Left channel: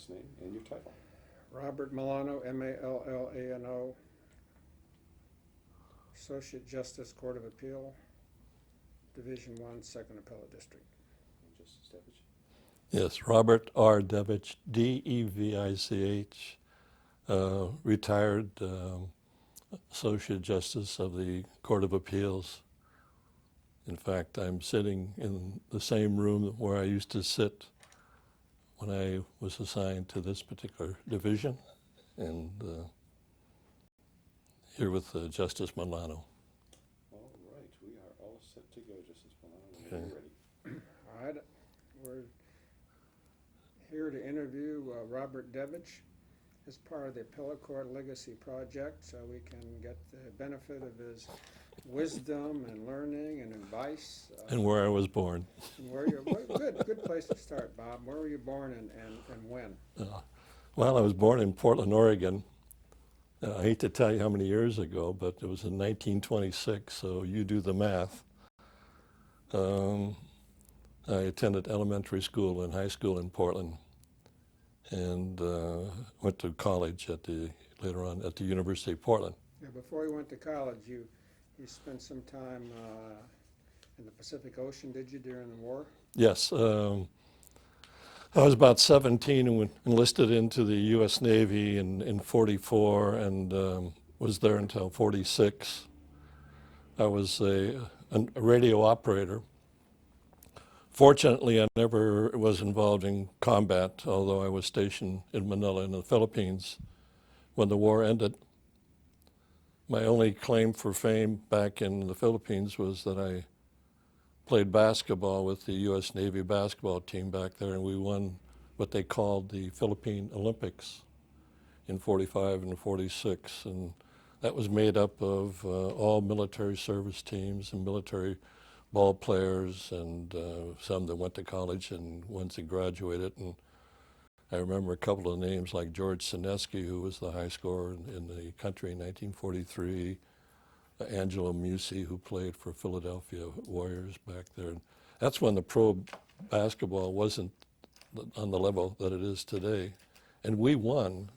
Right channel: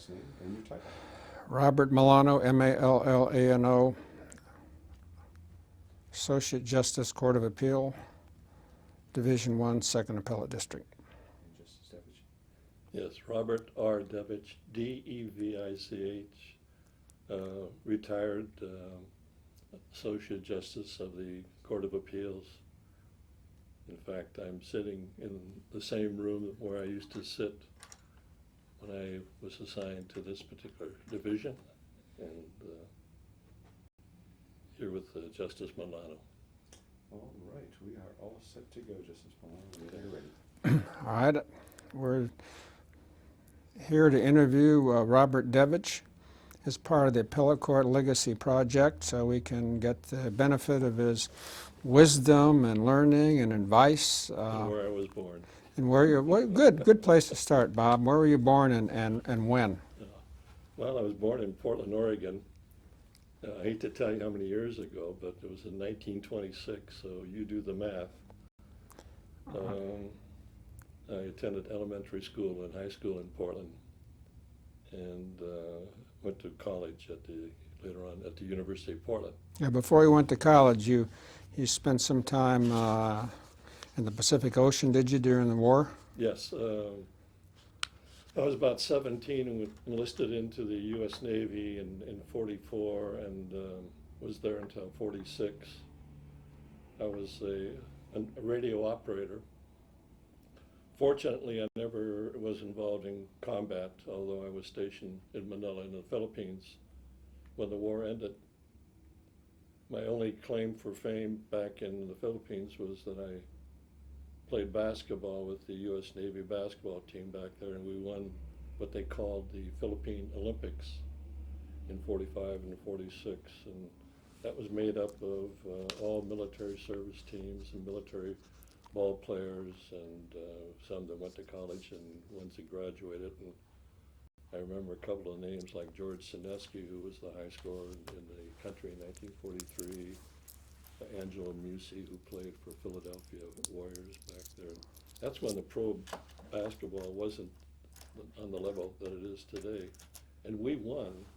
last name and your title. Robert Milano, M-A-L-L-A-N-O, Associate Justice, Court of Appeal, Division I, 2nd Appellate District. And Justice Devich. Yes, Robert R. Devich, D-E-V-I-C-H, retired Associate Justice of the Court of Appeals. In fact, I'm sitting in the same room where I used to sit when I was assigned to this particular division, and here with Justice Milano. All right, we are all set to go, Justice Milano, whenever you're ready. All right, we're here to interview Robert Devich as part of the Appellate Court Legacy Project, so we can get the benefit of his wisdom and learning and advice. And where I was born. And where you're, well, good place to start, Bob. Where were you born and when? Well, I was born in Portland, Oregon. I hate to tell you how many years ago, but it was in 1926, so you do the math. I attended elementary school and high school in Portland, and went to college later on at the University of Portland. Yeah, before you went to college, you spent some time in the Pacific Ocean, did you, during the war? Yes. I was about 17 and enlisted into the U.S. Navy in 44 and was there until 46. I was a radio operator. Fortunately, I never was involved in combat, although I was stationed in Manila in the Philippines when the war ended. My only claim for fame back in the Philippines was that I played basketball with the U.S. Navy basketball team back there, and we won what they called the Philippine Olympics in 45 and 46. And that was made up of all military service teams and military ball players, and some that went to college and ones that graduated. And I remember a couple of names like George Sineski, who was the high scorer in the country in 1943, Angelo Musi, who played for Philadelphia Warriors back there. And that's when the pro basketball wasn't on the level that it is today. And we won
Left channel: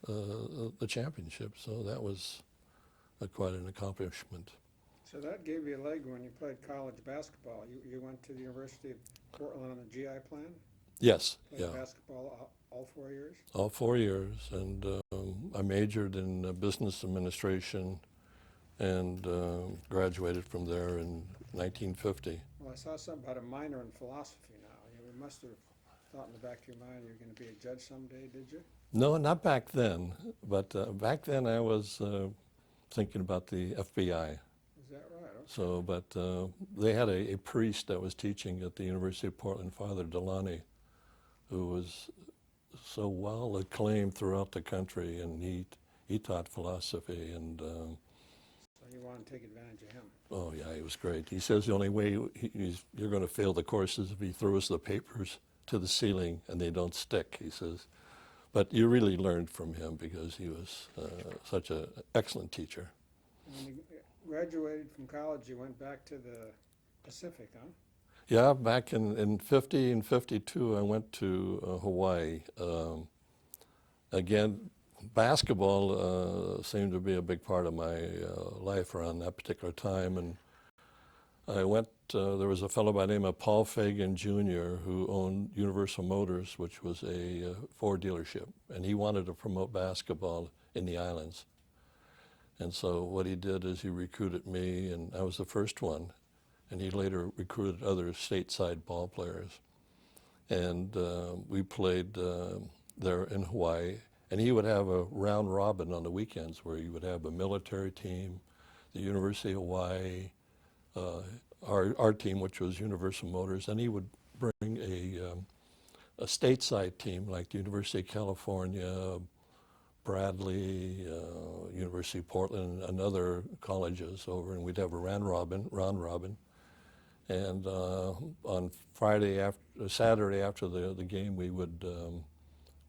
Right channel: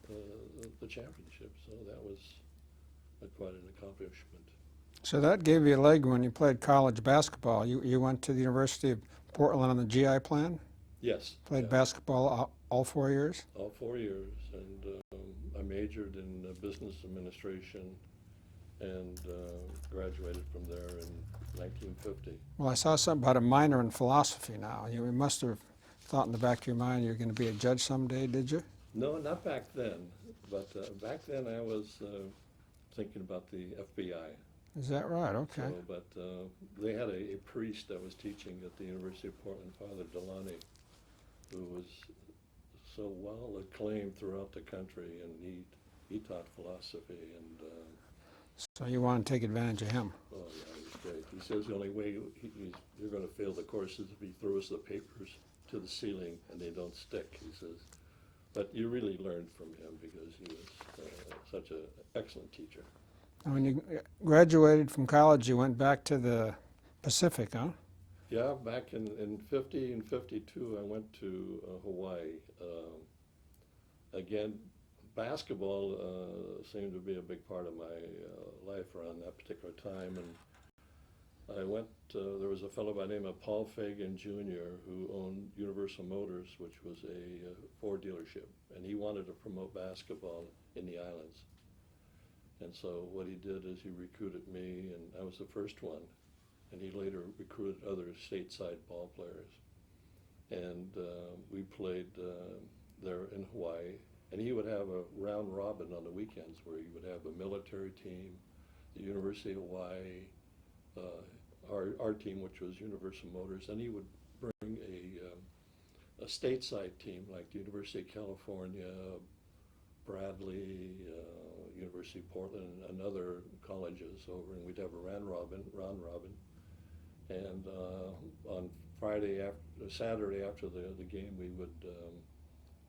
the championship, so that was quite an accomplishment. So that gave you a leg when you played college basketball. You went to the University of Portland on the GI plan? Yes. Played basketball all 4 years? All 4 years, and I majored in business administration and graduated from there in 1950. Well, I saw something about a minor in philosophy now. You must have thought in the back of your mind you're going to be a judge someday, did you? No, not back then, but back then I was thinking about the FBI. Is that right? Okay. So, but they had a priest that was teaching at the University of Portland, Father Delani, who was so well acclaimed throughout the country, and he taught philosophy, and so you want to take advantage of him? oh yeah, he was great. He says the only way you're going to fail the course is if he throws the papers to the ceiling and they don't stick, he says. But you really learned from him because he was such an excellent teacher. And when you graduated from college, you went back to the Pacific, huh? Yeah, back in 50 and 52, I went to Hawaii. Again, basketball seemed to be a big part of my life around that particular time. And I went, there was a fellow by the name of Paul Fagan Jr. who owned Universal Motors, which was a Ford dealership. And he wanted to promote basketball in the islands. And so what he did is he recruited me, and I was the first one. And he later recruited other stateside ball players. And we played there in Hawaii. And he would have a round robin on the weekends where he would have a military team, the University of Hawaii, our team, which was Universal Motors, and he would bring a stateside team like the University of California, Bradley, University of Portland, and other colleges over, and we'd have a round robin. And on Saturday after the game, we would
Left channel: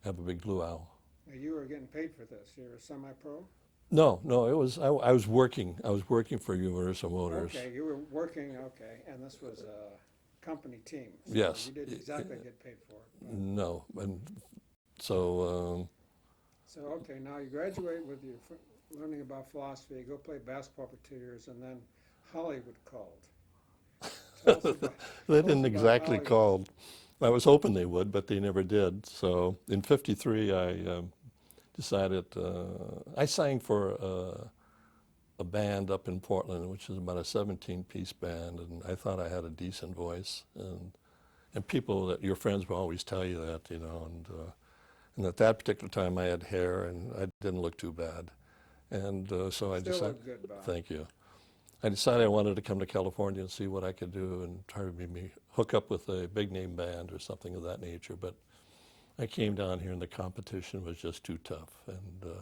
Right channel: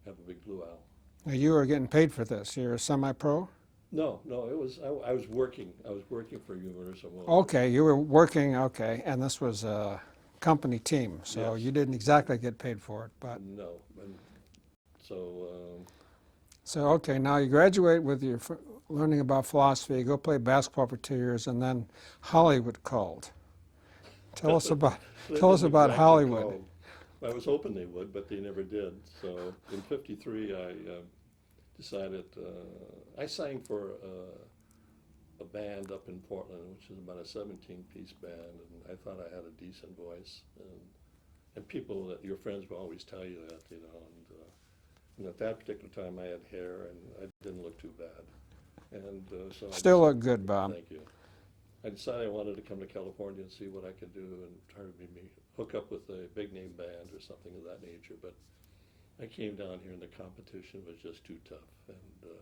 have a big luau. Now you were getting paid for this. You're a semi-pro? No, it was I was working. I was working for Universal Motors. Okay, you were working. Okay, and this was a company team, so Yes. you didn't exactly get paid for it, but No, and So So, okay, now you graduate with your learning about philosophy, you go play basketball for 2 years, and then Hollywood called. Tell us about, they tell us didn't about exactly Hollywood. call. I was hoping they would, but they never did. So in '53, I decided I sang for a band up in Portland, which is about a 17-piece band, and I thought I had a decent voice. And people that your friends will always tell you that, you know. And at that particular time, I had hair, and I didn't look too bad. And so I Still decided, look good, Bob. Thank you. I decided I wanted to come to California and see what I could do and try to maybe hook up with a big name band or something of that nature. But I came down here and the competition was just too tough. And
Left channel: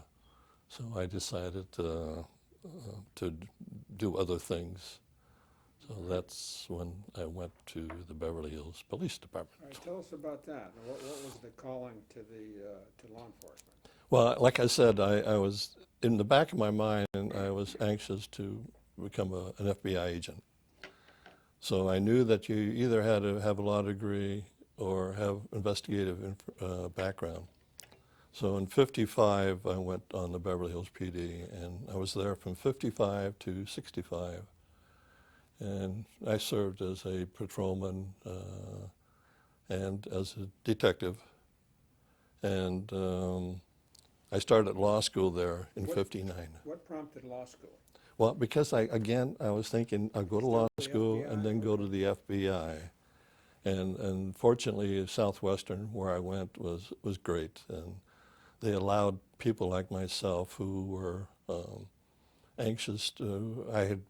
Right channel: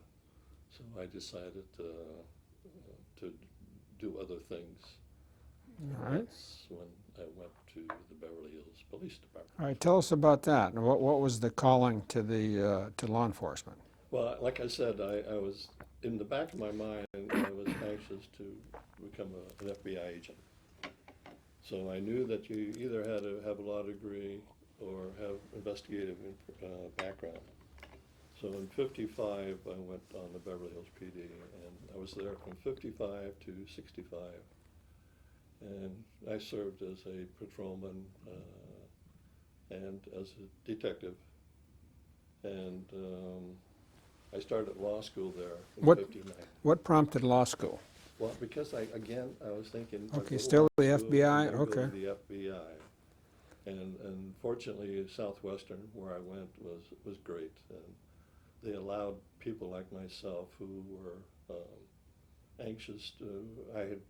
so I decided to do other things. So All right. that's when I went to the Beverly Hills Police Department. All right, tell us about that. And what was the calling to the to law enforcement? Well, like I said, I was in the back of my mind, and I was anxious to become an FBI agent. So I knew that you either had to have a law degree or have investigative background. So in '55, I went on the Beverly Hills PD, and I was there from '55 to '65. And I served as a patrolman and as a detective. And I started law school there in '59. What prompted law school? Well, because I was thinking I'd Okay, go to still law the school FBI? and then go to Okay. the FBI. And fortunately, Southwestern, where I went, was great. And they allowed people like myself who were anxious to, I had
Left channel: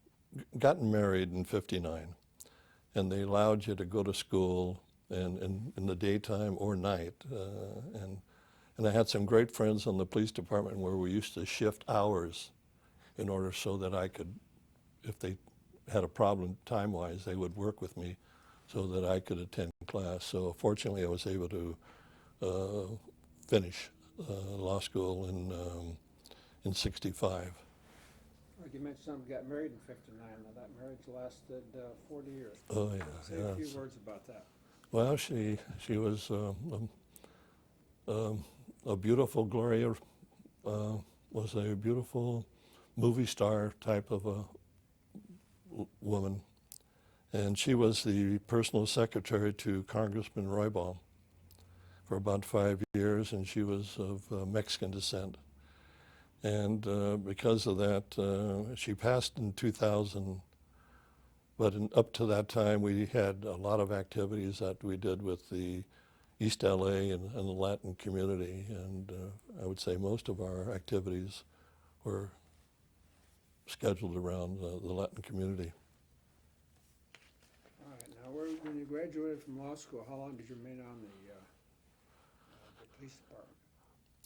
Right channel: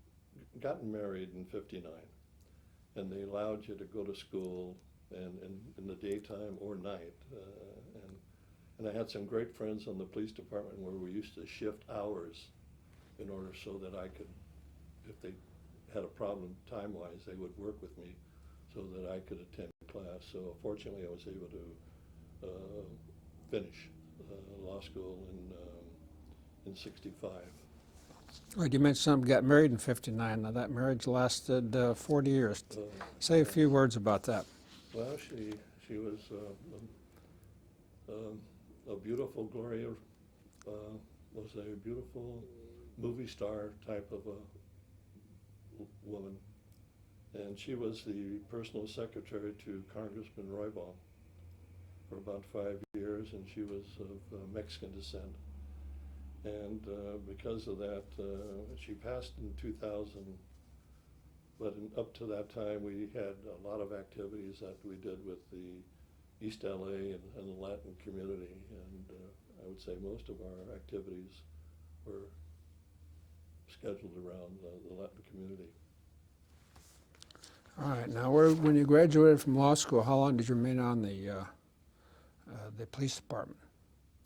gotten married in '59, and they allowed you to go to school and in the daytime or night. And I had some great friends on the police department where we used to shift hours in order so that I could, if they had a problem time-wise, they would work with me so that I could attend class. So fortunately, I was able to finish law school in '65. Well, you mentioned something, got married in '59. Now that marriage lasted 40 years. Oh, yeah. Say a few Yes. words about that. Well, she was a beautiful, Gloria was a beautiful movie star type of a woman. And she was the personal secretary to Congressman Roybal for about 5 years, and she was of Mexican descent. And because of that, she passed in 2000. But up to that time, we had a lot of activities that we did with the East LA and the Latin community. And I would say most of our activities were scheduled around the Latin community. All right, now when you graduated from law school, how long did you remain on the police department?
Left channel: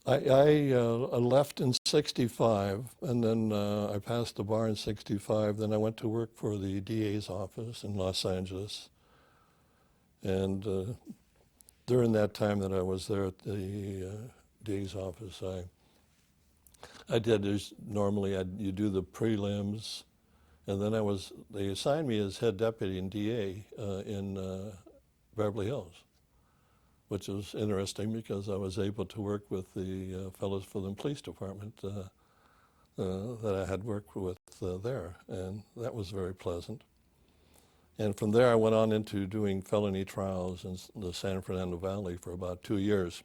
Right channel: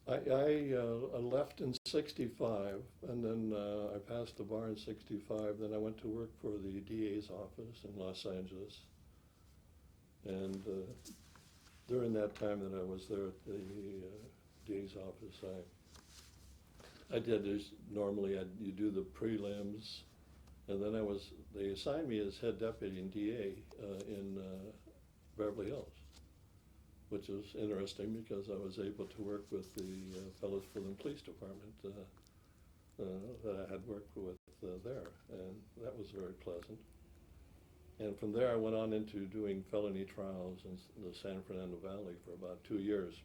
I left in '65, and then I passed the bar in '65. Then I went to work for the DA's office in Los Angeles. And during that time that I was there at the DA's office, I did this, normally you do the prelims, and then they assigned me as head deputy in DA in Beverly Hills, which was interesting because I was able to work with the fellows for the police department that I had worked with there, and that was very pleasant. And from there I went on into doing felony trials in the San Fernando Valley for about 2 years.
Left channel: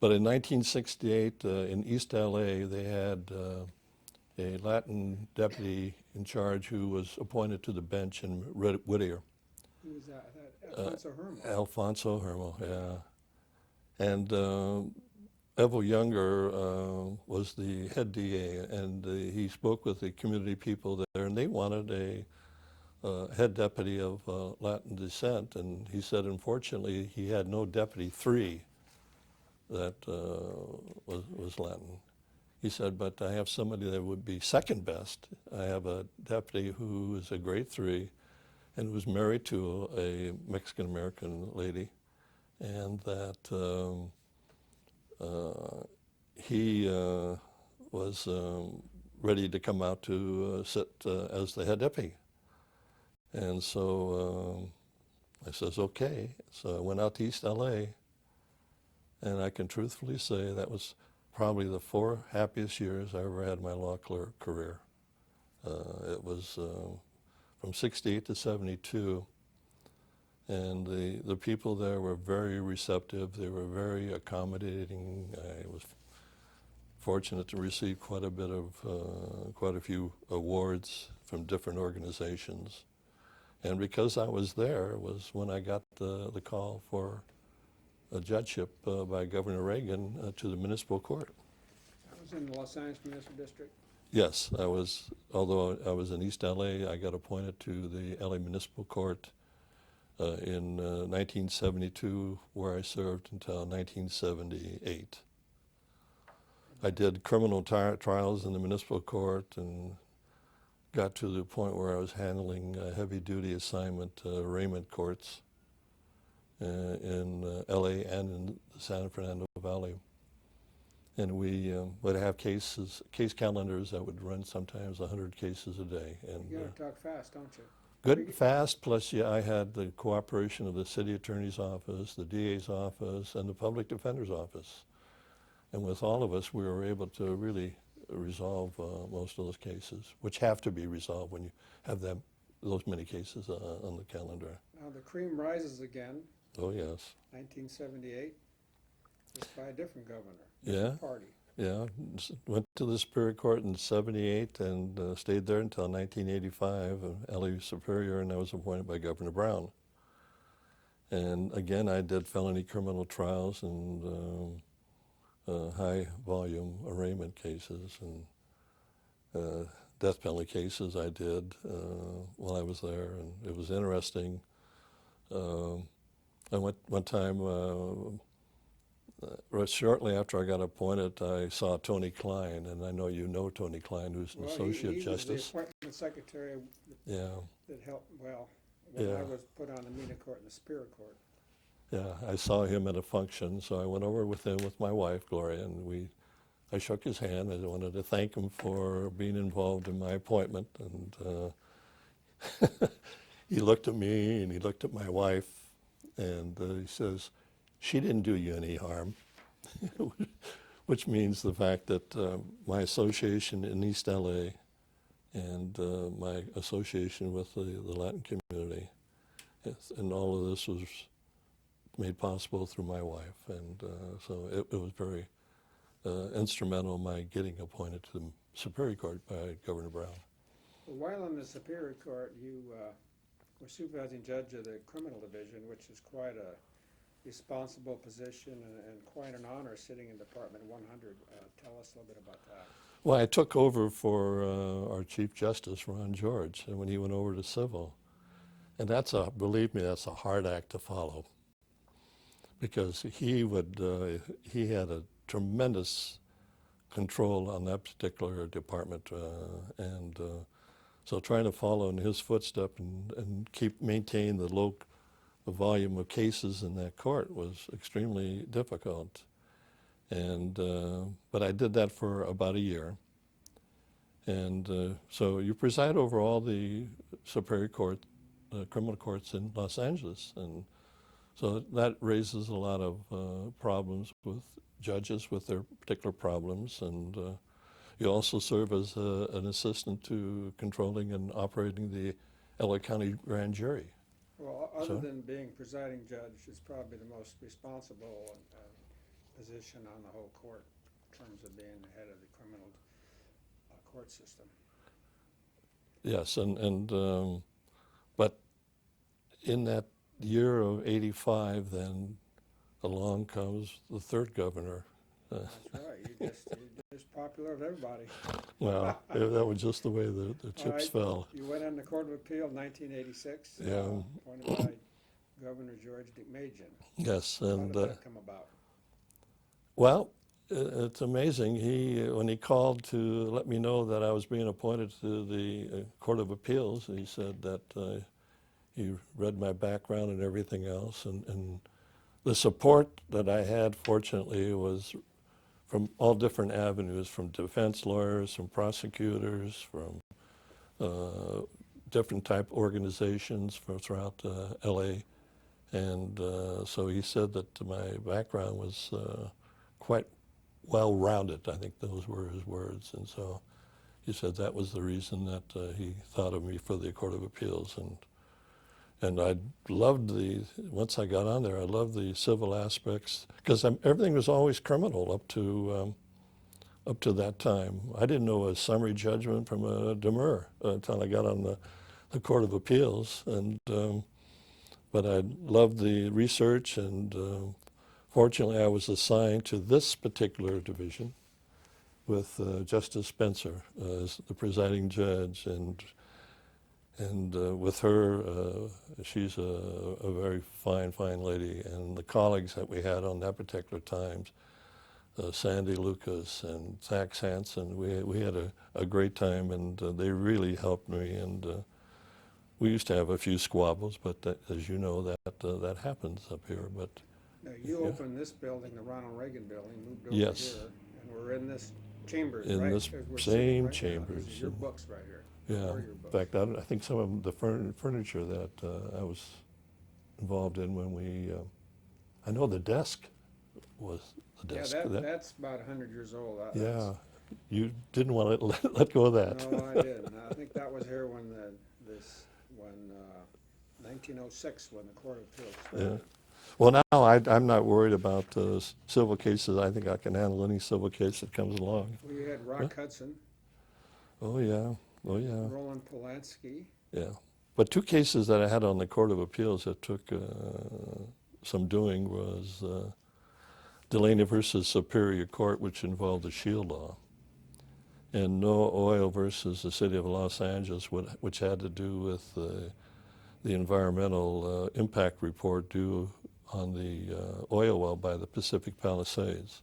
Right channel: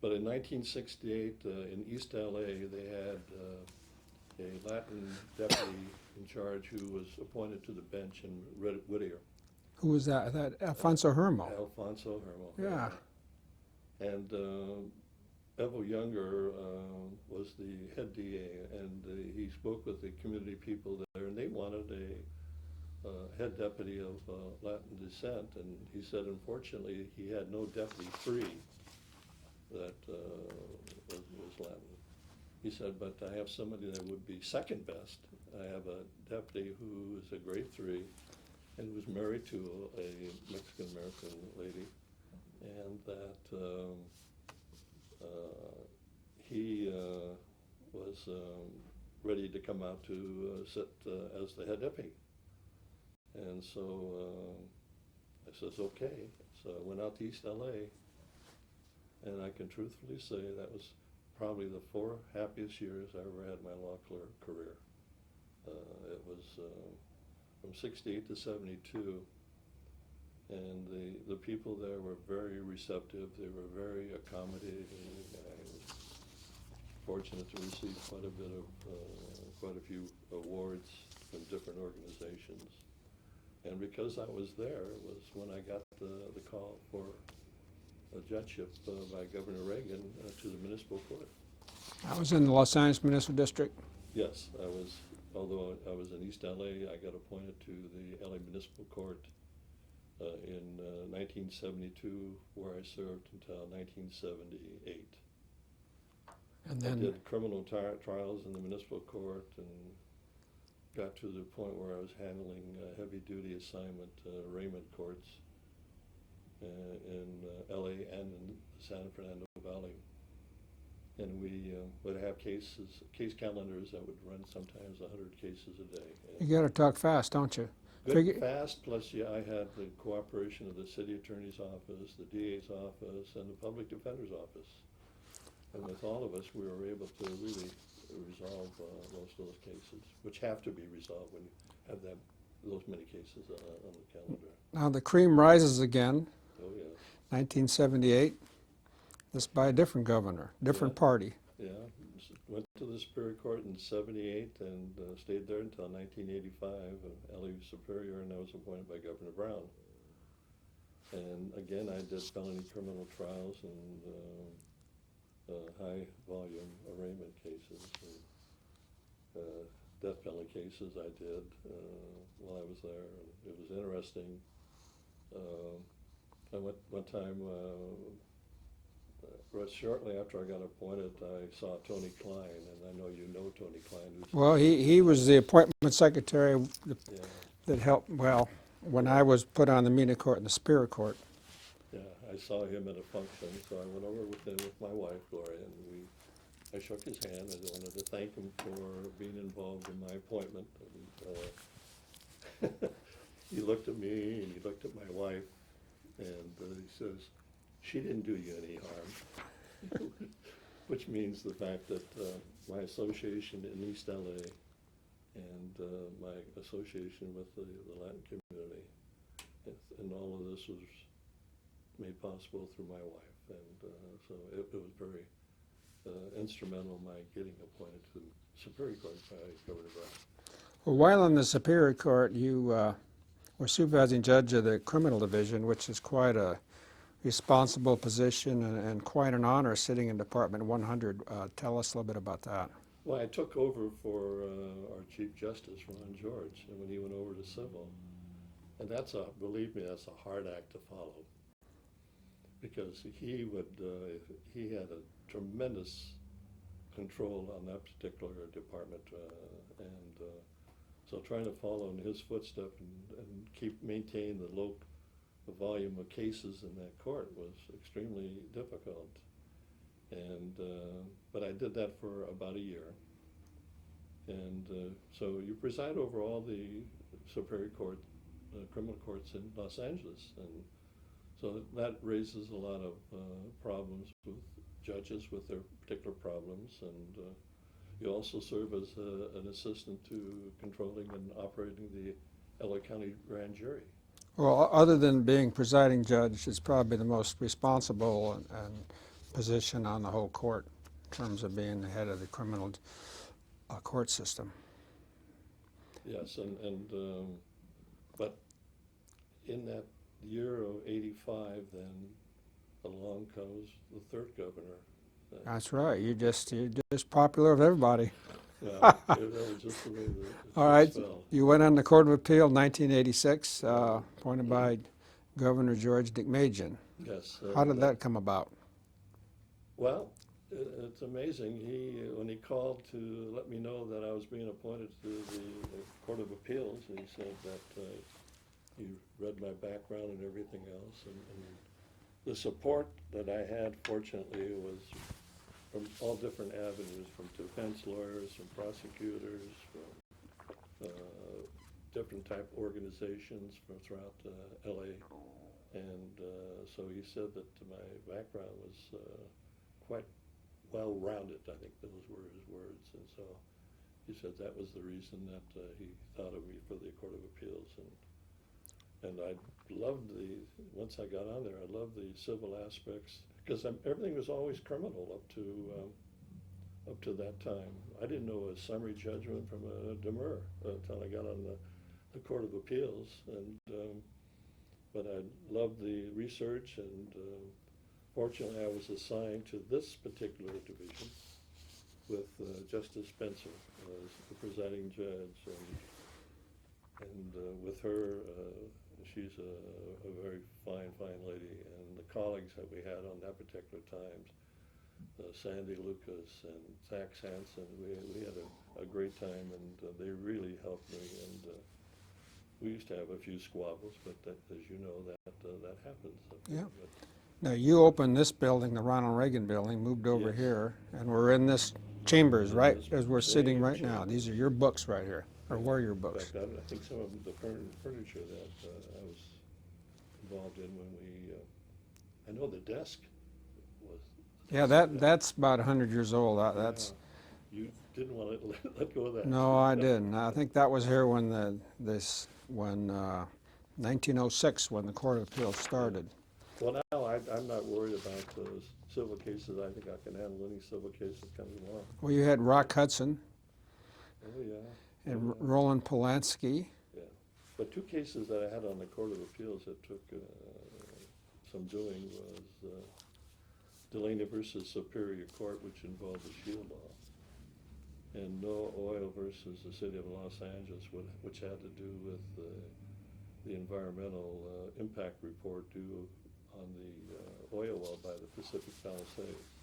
But in 1968 in East LA, they had a Latin deputy in charge who was appointed to the bench in Whittier. Who was that? Alfonso Hermo. Alfonso Hermo, Yeah. yeah. And Evo Younger was the head DA, and he spoke with the community people there, and they wanted a head deputy of Latin descent, and he said, unfortunately, he had no deputy 3 that was Latin. He said, but I have somebody that would be second best. I have a deputy who is a grade 3 and was married to a Mexican-American lady, and that he was ready to come out to sit as the head deputy. And so I says, okay. So I went out to East LA, And I can truthfully say that was probably the 4 happiest years I ever had in my law clerk career. It was from 68 to 72, and the people there were very receptive. They were very accommodating. I was fortunate to receive quite a few awards from different organizations. And because I was there was when I got the call for a judgeship by Governor Reagan to the municipal court. I was in the Los Angeles Municipal District. Yes, although I was in East LA, I got appointed to the LA Municipal Court in 1972, where I served until 1978. And I then- did criminal trials in the municipal court and got to the point where I was handling heavy-duty assignment arraignment courts in LA and in the San Fernando Valley. And we would have case calendars that would run sometimes 100 cases a day. And You got to talk fast, don't you? good, Figure- fast, plus I had the cooperation of the city attorney's office, the DA's office, and the public defender's office. And with all of us, we were able to really resolve most of those cases, which have to be resolved when you have those many cases on the calendar. Now the cream rises again, Oh, yes. 1978. This by a different governor, different Yeah. party. Yeah, went to the Superior Court in 78 and stayed there until 1985, LA Superior, and I was appointed by Governor Brown. And again, I did felony criminal trials and high volume arraignment cases and death penalty cases I did while I was there, and it was interesting. I went one time, shortly after I got appointed, I saw Tony Klein, and I know you know Tony Klein, who's Well, he Associate was the Justice. appointment secretary Yeah, that helped, well, when Yeah. I was put on the Mena Court and the Superior Court. yeah. I saw him at a function, so I went over with him with my wife, Gloria, and I shook his hand. I wanted to thank him for being involved in my appointment, and he looked at me and he looked at my wife, and he says, "She didn't do you any harm," which means the fact that my association in East LA and my association with the Latin community, and all of this was made possible through my wife, and so it was very instrumental in my getting appointed to the Superior Court by Governor Brown. Well, while in the Superior Court, you were supervising judge of the criminal division, which is quite a responsible position and quite an honor sitting in Department 100. Tell us a little bit about that. Well, I took over for our Chief Justice, Ron George, and when he went over to civil. And believe me, that's a hard act to follow, because he had a tremendous control on that particular department, and so trying to follow in his footsteps and maintain the low volume of cases in that court was extremely difficult. And but I did that for about a year. And so you preside over all the Superior Court, criminal courts in Los Angeles, and so that raises a lot of problems with judges with their particular problems, and you also serve as an assistant to controlling and operating the LA County Grand Jury. Well, other than being presiding judge, it's probably the most responsible and position on the whole court in terms of being the head of the criminal court system. Yes, but in that year of '85, then along comes the third governor. That's right. You're just popular with everybody. Well, that was just the way the All chips right. fell. You went on the Court of Appeal in 1986, Yeah. appointed by Governor George DeMajian. Yes. How and, did that come about? Well, it's amazing. When he called to let me know that I was being appointed to the Court of Appeals, he said that he read my background and everything else, and the support that I had, fortunately, was from all different avenues, from defense lawyers, from prosecutors, from different type organizations from throughout LA, And so he said that my background was quite well-rounded. I think those were his words. And so he said that was the reason that he thought of me for the Court of Appeals. And I loved once I got on there, I loved the civil aspects, because everything was always criminal up to that time. I didn't know a summary judgment from a demur until I got on the Court of Appeals. And but I loved the research, and fortunately I was assigned to this particular division with Justice Spencer as the presiding judge, and with her, she's a very fine lady, and the colleagues that we had on that particular time, Sandy Lucas and Zach Hansen, we had a great time, and they really helped me, and we used to have a few squabbles, but as you know, that happens up here. But Now, you opened this building, the Ronald Reagan building, moved over Yes. here, and we're in this chambers, In right? this As we're sitting same right now. These are chambers. your books right here. Or yeah, were your in books? fact, I think some of the furniture that I was involved in when we, I know the desk was the Yeah, desk. that's about 100 years old. That's, You didn't want to let go of that. no, I didn't. I think that was here when 1906, when the Court of Appeals started. Well, now I'm not worried about civil cases. I think I can handle any civil case that comes along. Well, you had Rock Hudson Oh, yeah. Oh, and yeah. Roland Polanski. Yeah. But two cases that I had on the Court of Appeals that took some doing was Delaney versus Superior Court, which involved the Shield Law, and No Oil versus the City of Los Angeles, which had to do with the environmental impact report due on the oil well by the Pacific Palisades.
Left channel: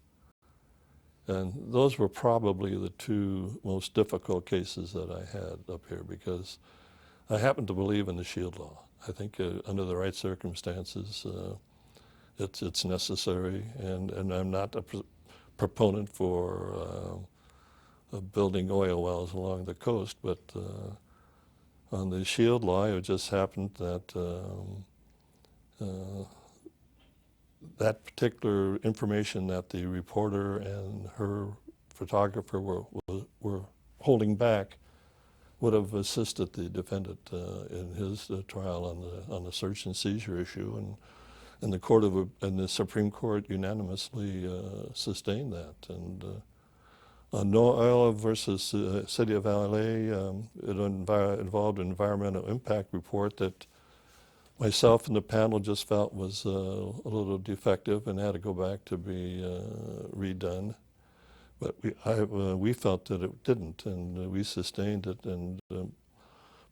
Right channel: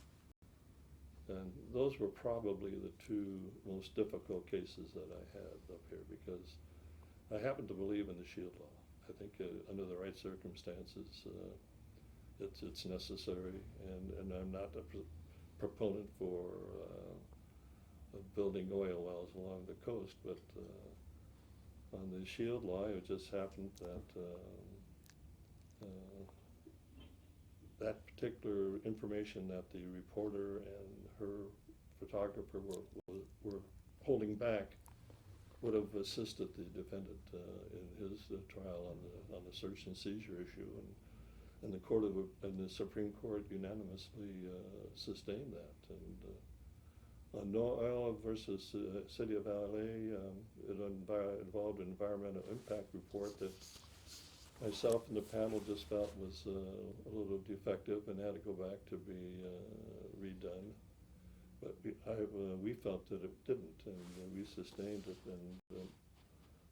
And those were probably the two most difficult cases that I had up here, because I happen to believe in the Shield Law. I think under the right circumstances, it's necessary, and I'm not a proponent for building oil wells along the coast, but on the Shield Law, it just happened that that particular information that the reporter and her photographer were holding back would have assisted the defendant in his trial on the search and seizure issue, and the Supreme Court unanimously sustained that. And on No Oil versus City of LA, it involved an environmental impact report that myself and the panel just felt was a little defective and had to go back to be redone. But we felt that it didn't, and we sustained it. And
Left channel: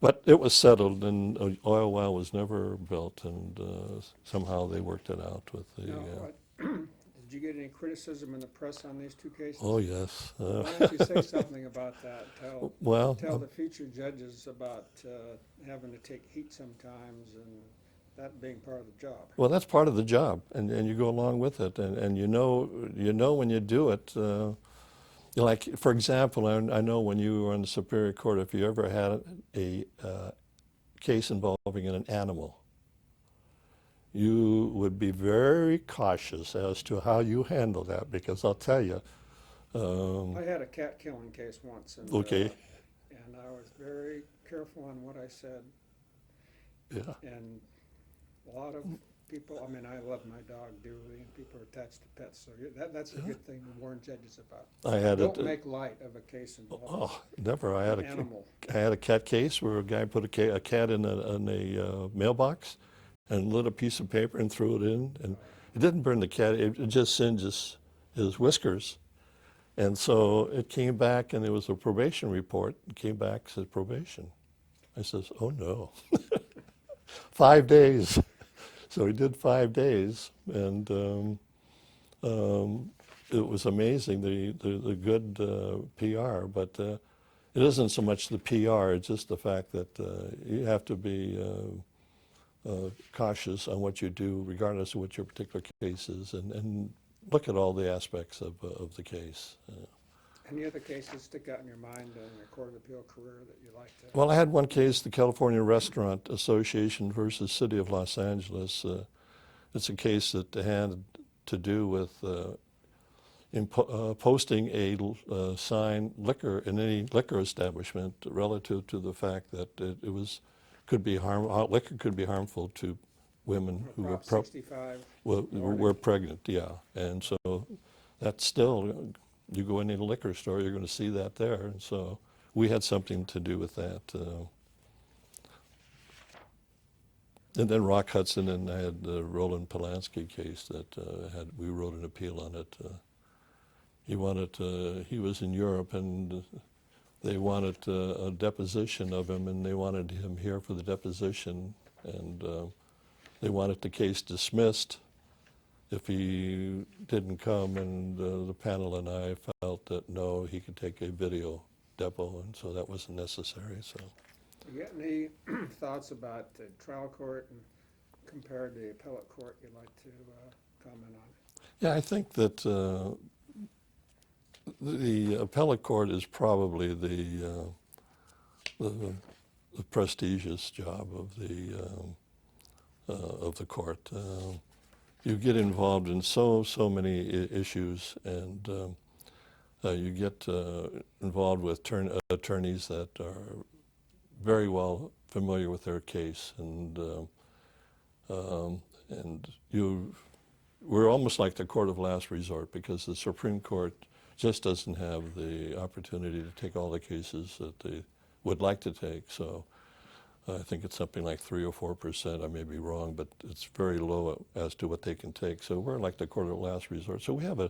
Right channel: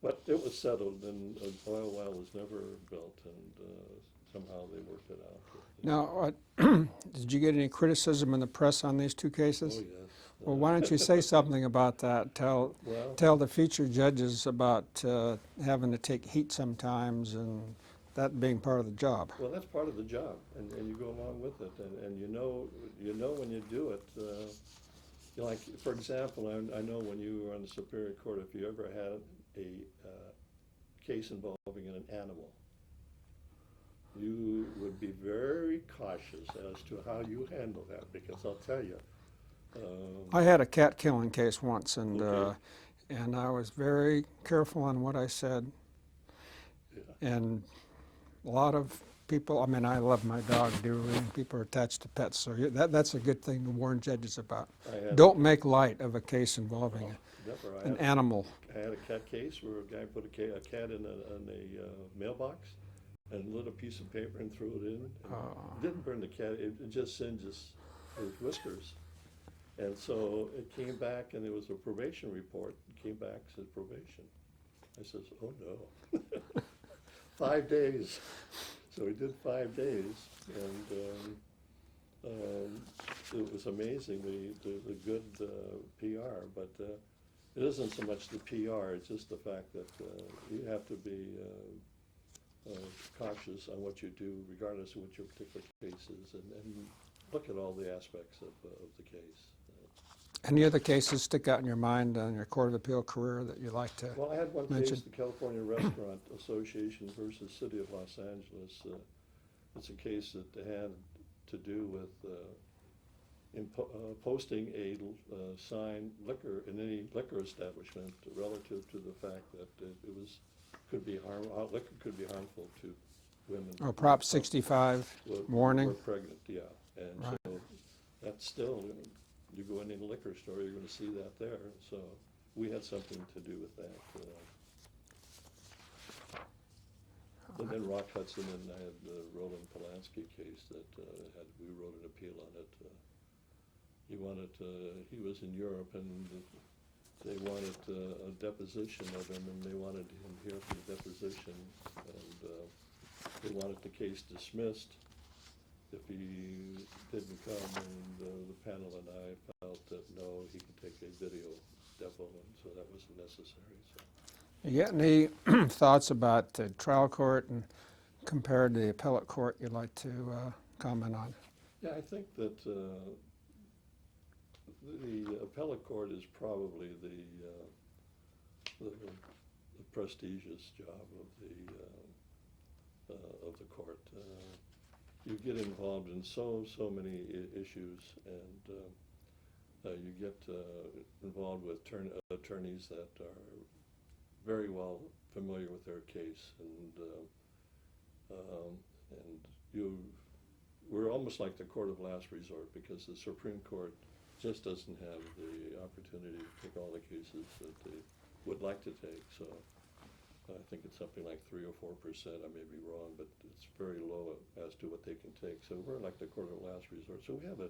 but it was settled, and an oil well was never built, and somehow they worked it out with the. Now, did you get any criticism in the press on these two cases? Oh yes. Well, why don't you say something about that? Tell the future judges about having to take heat sometimes, and that being part of the job. Well, that's part of the job, and you go along with it, and you know when you do it. Like, for example, I know when you were on the Superior Court, if you ever had a case involving an animal, you would be very cautious as to how you handle that, because I'll tell you. I had a cat killing case once, and Okay. And I was very careful on what I said. Yeah. And a lot of people, I mean, I love my dog dearly, and people are attached to pets, so that's a good thing to warn judges about. Don't make light of a case involving never. an animal. I had a cat case where a guy put a cat in a mailbox and lit a piece of paper and threw it in, and it didn't burn the cat. It just singed his whiskers, and so it came back, and there was a probation report. It came back, said probation. I says, oh no, 5 days. So he did 5 days, and it was amazing, the good PR, but it isn't so much the PR, it's just the fact that you have to be cautious on what you do, regardless of what your particular case is, and look at all the aspects of the case. Any other cases stick out in your mind on your Court of Appeal career that you like to? Well, I had one case, the California Restaurant Association versus City of Los Angeles. it's a case that had to do with posting a sign liquor in any liquor establishment relative to the fact that liquor could be harmful to women Oh, who Prop 65 who warning. were pregnant, yeah. And so that's still, you go into a liquor store, you're going to see that there. And so we had something to do with that. And then Rock Hudson, and I had the Roland Polanski case that we wrote an appeal on it. He was in Europe, and they wanted a deposition of him, and they wanted him here for the deposition, and they wanted the case dismissed if he didn't come, and the panel and I felt that no, he could take a video depo, and so that wasn't necessary. So, Do you get any thoughts about the trial court and compared to the appellate court you'd like to comment on? yeah, I think that the appellate court is probably the prestigious job of the court. You get involved in so many issues, and you get involved with attorneys that are very well familiar with their case, and we're almost like the court of last resort, because the Supreme Court just doesn't have the opportunity to take all the cases that they would like to take. So I think it's something like 3 or 4%. I may be wrong, but it's very low as to what they can take. So we're like the court of last resort. So we have a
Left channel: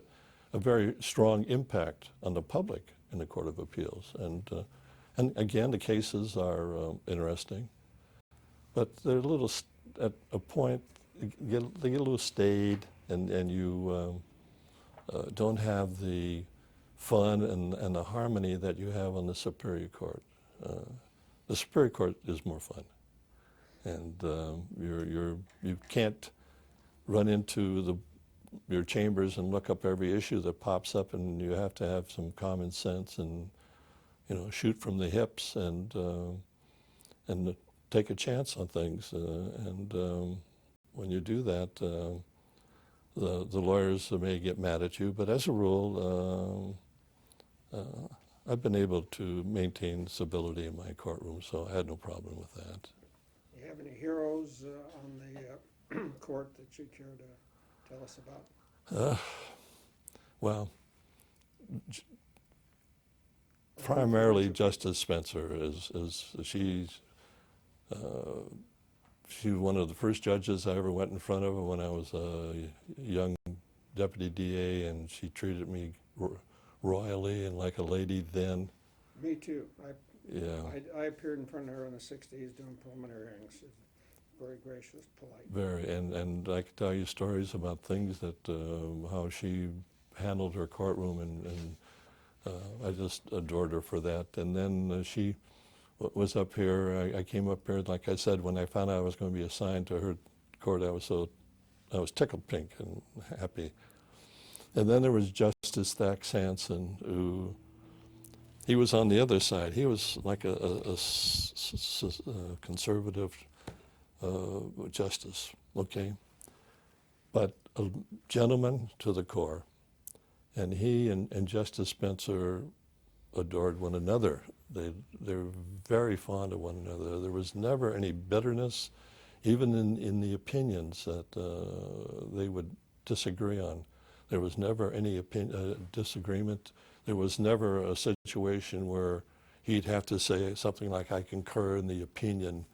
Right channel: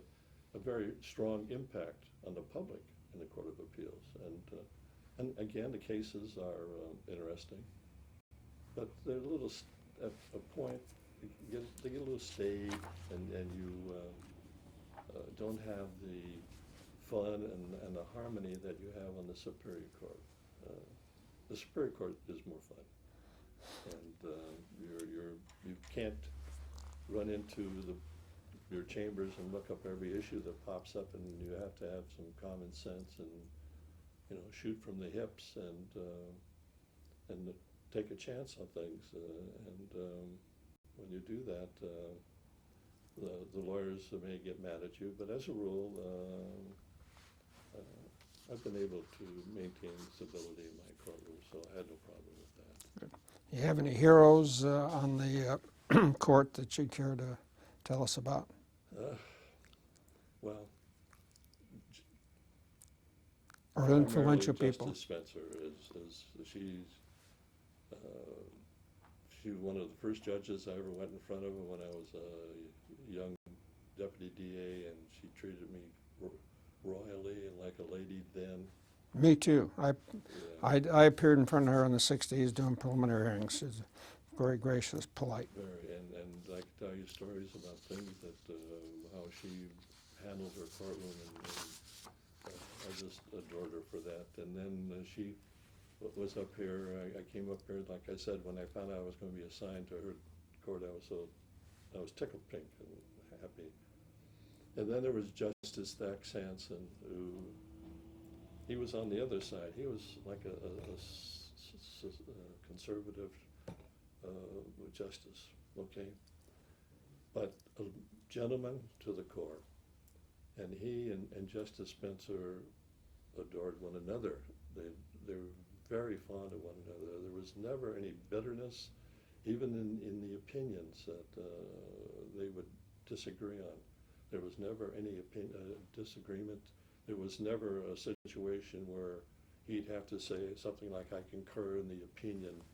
very strong impact on the public in the Court of Appeals. And again, the cases are interesting, but they're a little, at a point, they get a little staid, and you don't have the fun and the harmony that you have on the Superior Court. The Superior Court is more fun, and you can't run into your chambers and look up every issue that pops up, and you have to have some common sense and shoot from the hips and take a chance on things. And when you do that, the lawyers may get mad at you, but as a rule, I've been able to maintain civility in my courtroom, so I had no problem with that. Do you have any heroes on the court that you care to tell us about? Well, Or primarily influential people? Justice Spencer she's one of the first judges I ever went in front of when I was a young deputy DA, and she treated me royally and like a lady then. Me too. Yeah. I appeared in front of her in the 60s doing preliminary hearings. She's very gracious, polite. Very, and I could tell you stories about things that how she handled her courtroom, and I just adored her for that. And then she was up here. I came up here, like I said, when I found out I was going to be assigned to her court, I was tickled pink and happy. And then there was Justice Thack Sanson, who he was on the other side. He was like a conservative justice, okay, but a gentleman to the core. And he and Justice Spencer adored one another. They're very fond of one another. There was never any bitterness, even in the opinions that they would disagree on. There was never any disagreement. There was never a situation where he'd have to say something like, I concur in the opinion,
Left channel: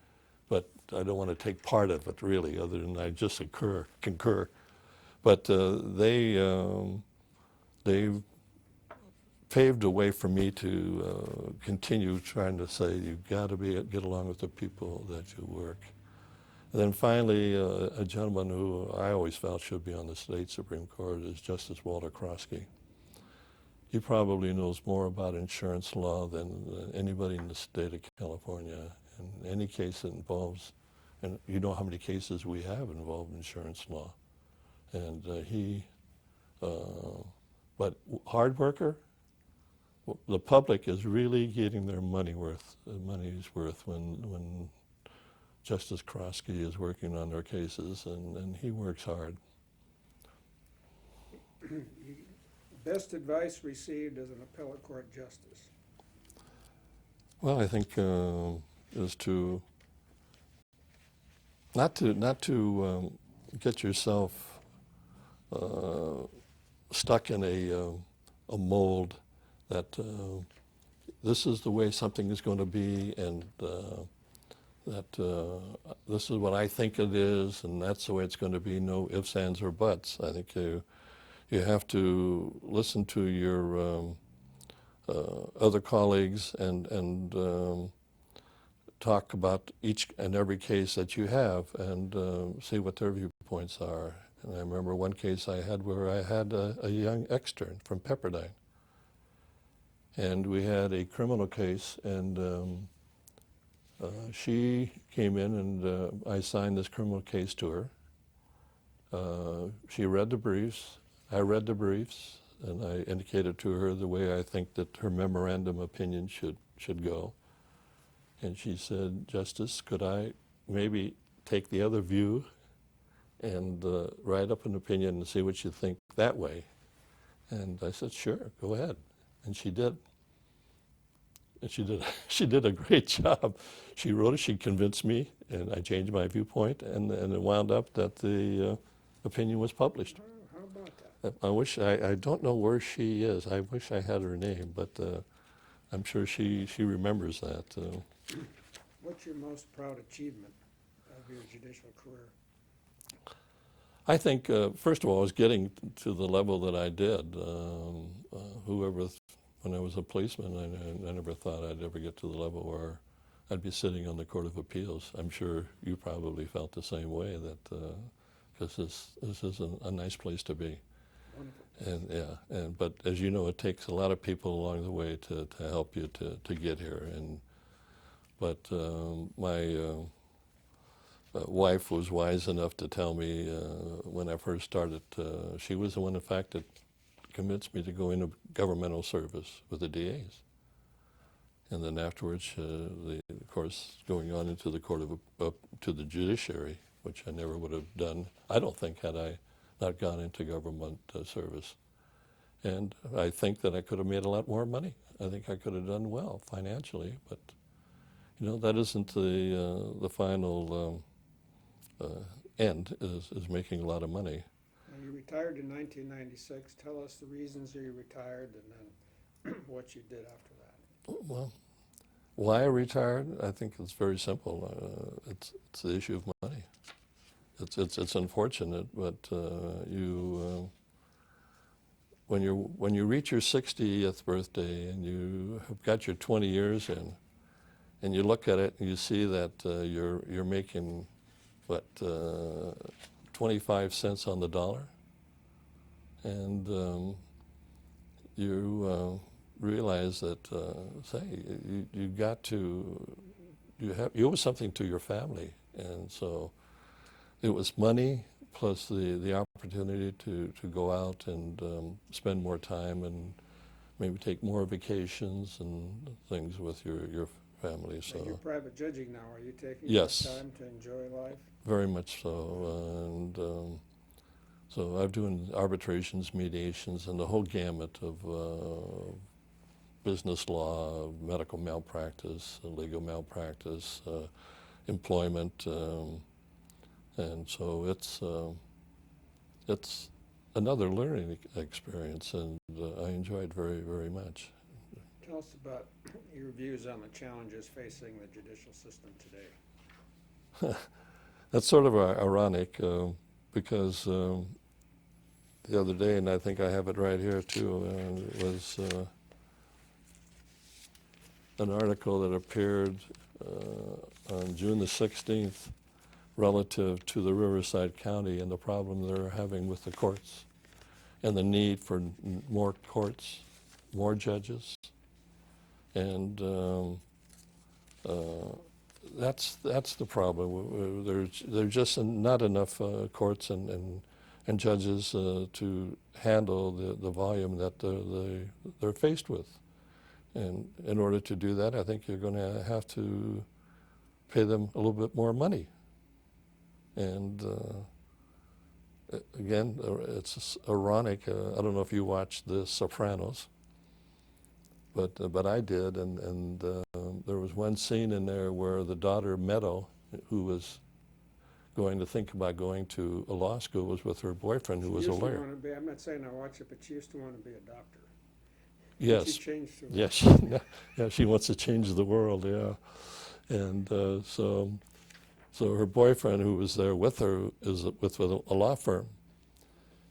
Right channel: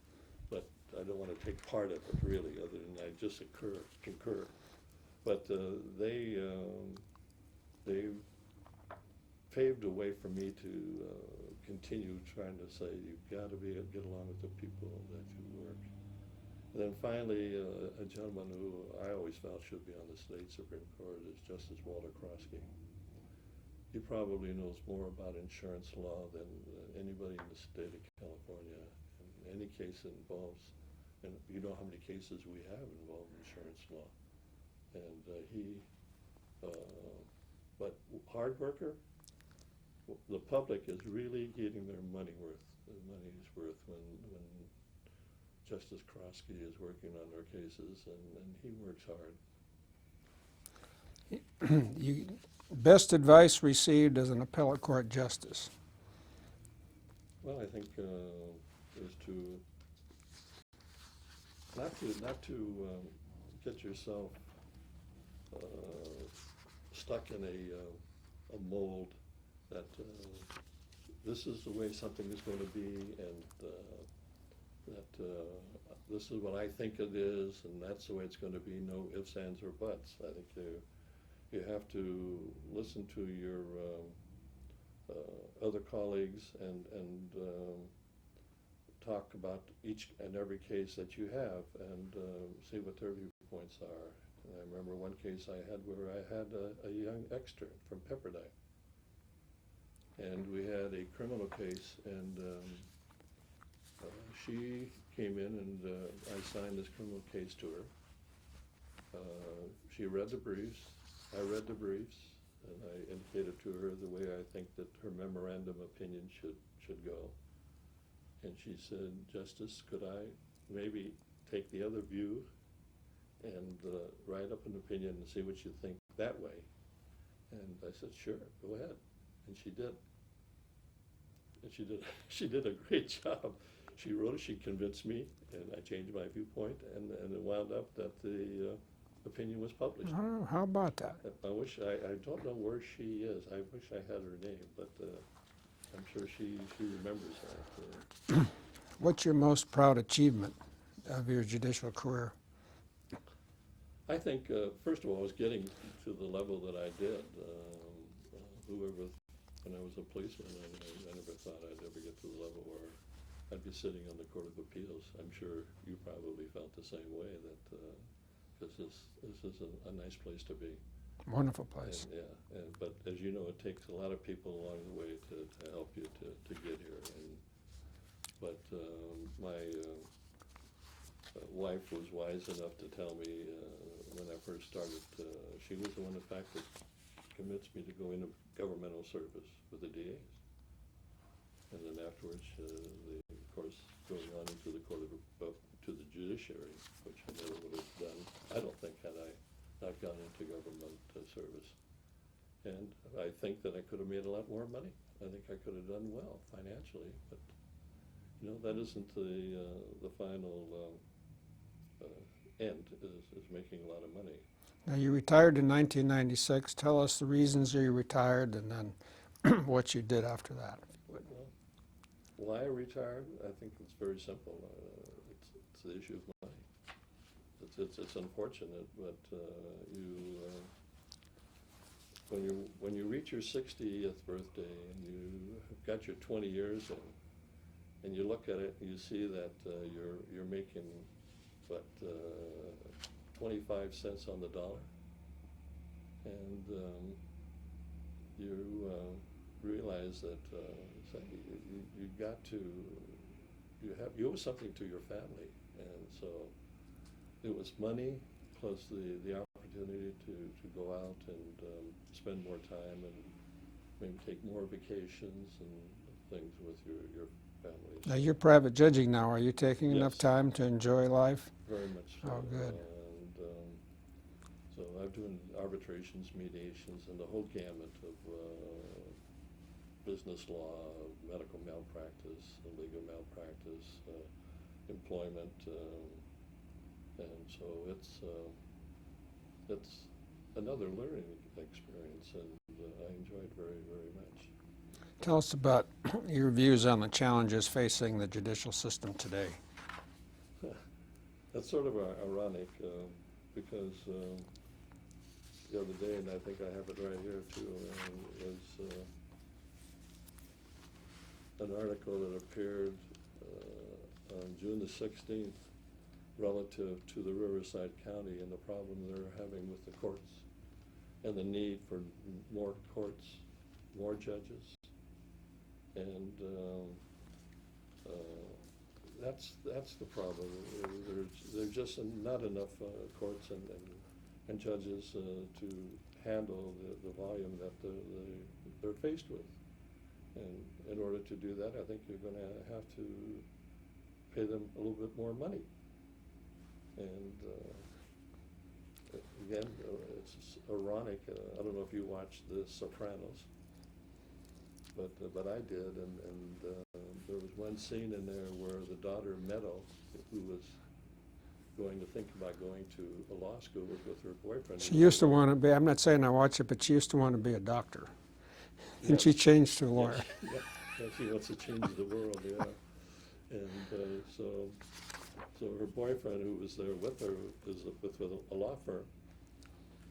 but I don't want to take part of it, really, other than I just concur. But they paved a way for me to continue trying to say, you've got to get along with the people that you work. And then finally, a gentleman who I always felt should be on the state Supreme Court is Justice Walter Krosky. He probably knows more about insurance law than anybody in the state of California. And any case that involves, and you know how many cases we have involved insurance law. And but hard worker, the public is really getting their money's worth when Justice Krosky is working on their cases, and he works hard. You, best advice received as an appellate court justice? Well, I think is to not to get yourself stuck in a mold that this is the way something is going to be, and that this is what I think it is, and that's the way it's going to be. No ifs, ands, or buts. I think you have to listen to your other colleagues and talk about each and every case that you have and see what their viewpoints are. And I remember one case I had where I had a young extern from Pepperdine. And we had a criminal case, and she came in and I signed this criminal case to her. She read the briefs, I read the briefs, and I indicated to her the way I think that her memorandum opinion should go. And she said, "Justice, could I maybe take the other view and write up an opinion and see what you think that way?" And I said, "Sure, go ahead." And she did. And she did a great job. She wrote it, she convinced me, and I changed my viewpoint, and it wound up that the opinion was published. Oh, how about that? I don't know where she is. I wish I had her name, but I'm sure she remembers that. What's your most proud achievement of your judicial career? I think, first of all, was getting to the level that I did. When I was a policeman, I never thought I'd ever get to the level where I'd be sitting on the Court of Appeals. I'm sure you probably felt the same way, that because this is a nice place to be. Wonderful place. But as you know, it takes a lot of people along the way to help you to get here. But my wife was wise enough to tell me when I first started, she was the one, in fact, that convinced me to go into governmental service with the DAs. And then afterwards, of course, going on into the to the judiciary, which I never would have done, I don't think, had I not gone into government service. And I think that I could have made a lot more money. I think I could have done well financially, but that isn't the final end, is making a lot of money. Now, you retired in 1996. Tell us the reasons you retired and then what you did after that. Well, why I retired? I think it's very simple. It's the issue of money. It's unfortunate, but when you reach your 60th birthday and you have got your 20 years in, and you look at it and you see that you're making 25 cents on the dollar, and you realize that you owe something to your family, and so it was money plus the opportunity to go out and spend more time and maybe take more vacations and things with your family. Now, you're private judging now. Are you taking enough Yes. time to enjoy life? Very much so. Oh, And so I'm doing arbitrations, mediations, and the whole gamut of business law, medical malpractice, legal malpractice, employment, and so it's another learning experience, and I enjoy it very, very much. Tell us about your views on the challenges facing the judicial system today. That's sort of ironic because the other day, and I think I have it right here too, was an article that appeared on June the 16th relative to the Riverside County and the problem they're having with the courts and the need for more courts, more judges. And that's the problem. There's just not enough courts and judges to handle the volume that they're faced with. And in order to do that, I think you're going to have to pay them a little bit more money. And again, it's ironic. I don't know if you watched The Sopranos, but I did, and there was one scene in there where the daughter Meadow, who was going to think about going to a law school, was with her boyfriend, who She was used a to lawyer. want to be, I'm not saying I watch it, but she used to want to be a doctor. And Yes. she changed to a lawyer. Yes. Yeah, she wants to change the world, yeah. And so her boyfriend, who was there with her, is with a law firm.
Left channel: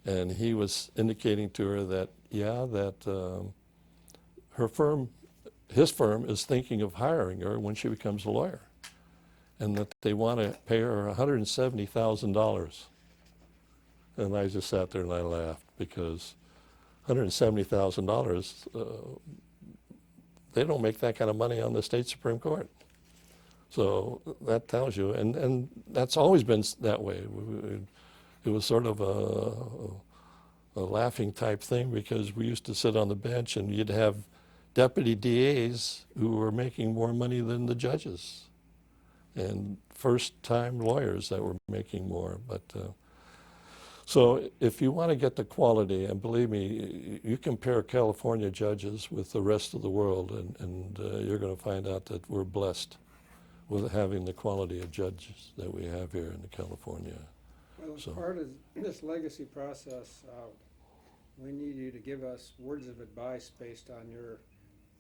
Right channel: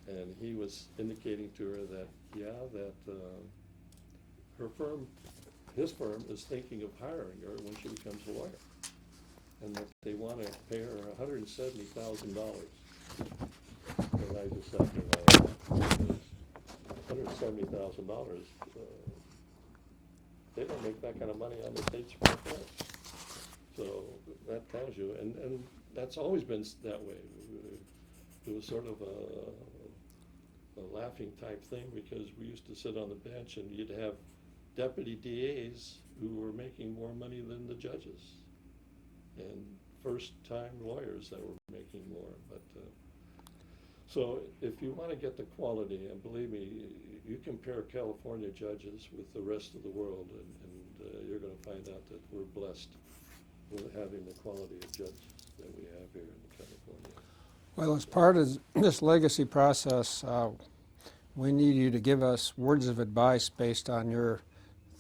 And he was indicating to her that, his firm is thinking of hiring her when she becomes a lawyer, and that they want to pay her $170,000. And I just sat there and I laughed, because $170,000, they don't make that kind of money on the state Supreme Court. So that tells you, and that's always been that way. It was sort of a laughing type thing, because we used to sit on the bench and you'd have deputy DAs who were making more money than the judges, and first-time lawyers that were making more. But so if you want to get the quality, and believe me, you compare California judges with the rest of the world, and you're going to find out that we're blessed with having the quality of judges that we have here in California. Well, as part of this legacy process, we need you to give us words of advice based on your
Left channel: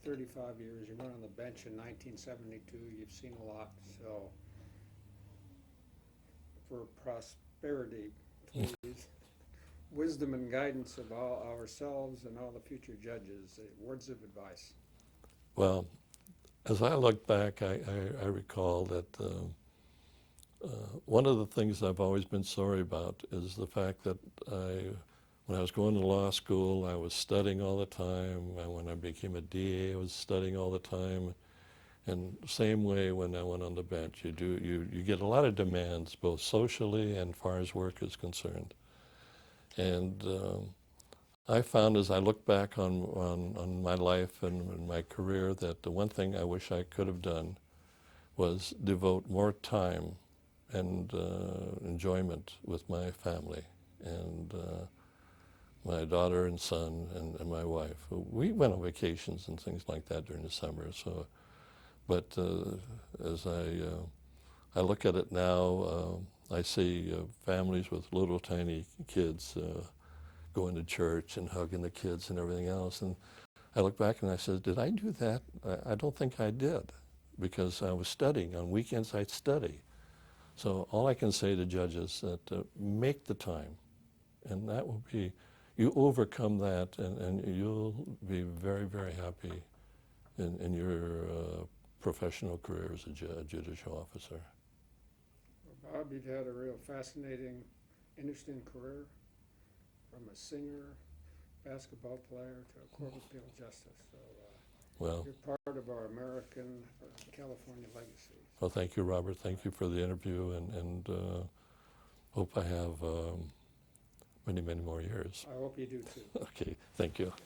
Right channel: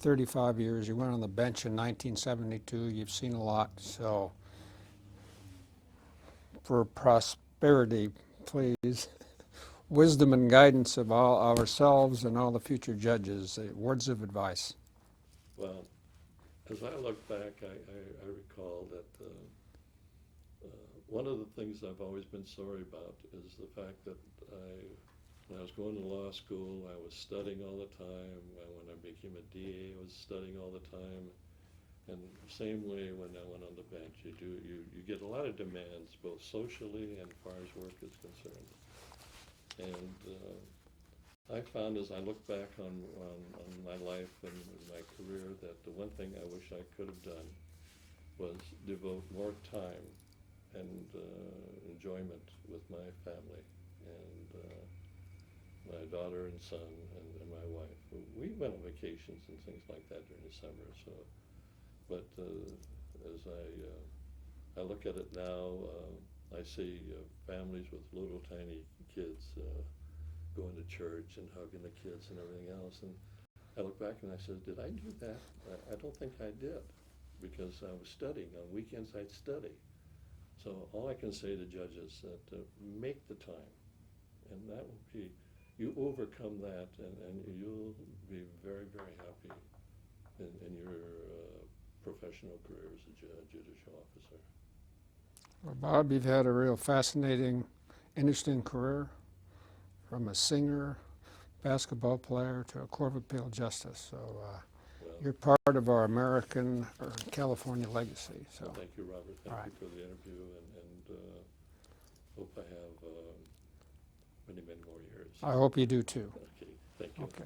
35 years. You went on the bench in 1972. You've seen a lot. So for prosperity, please, wisdom and guidance of all ourselves and all the future judges, words of advice. Well, as I look back, I recall that one of the things I've always been sorry about is the fact that when I was going to law school, I was studying all the time. When I became a DA, I was studying all the time. And same way when I went on the bench, you get a lot of demands, both socially and as far as work is concerned. And I found, as I look back on my life and my career, that the one thing I wish I could have done was devote more time and enjoyment with my family and my daughter and son and my wife. We went on vacations and things like that during the summer. So, but as I look at it now, I see families with little tiny kids going to church and hugging the kids and everything else. And I look back and I said, did I do that? I don't think I did, because I was studying. On weekends I'd study. So all I can say to judges is that make the time, and that will be, you overcome that, and you'll be very, very happy in your professional career as a judicial officer. Well, Bob, you've had a real fascinating, interesting career, from a singer, basketball player, to a court of appeal justice. So Well, you're part of our American or California legacy. So well, thank you, Robert. Thank you for the interview, and hope I have many, many more years. I hope you do too. Okay, thank you. Okay.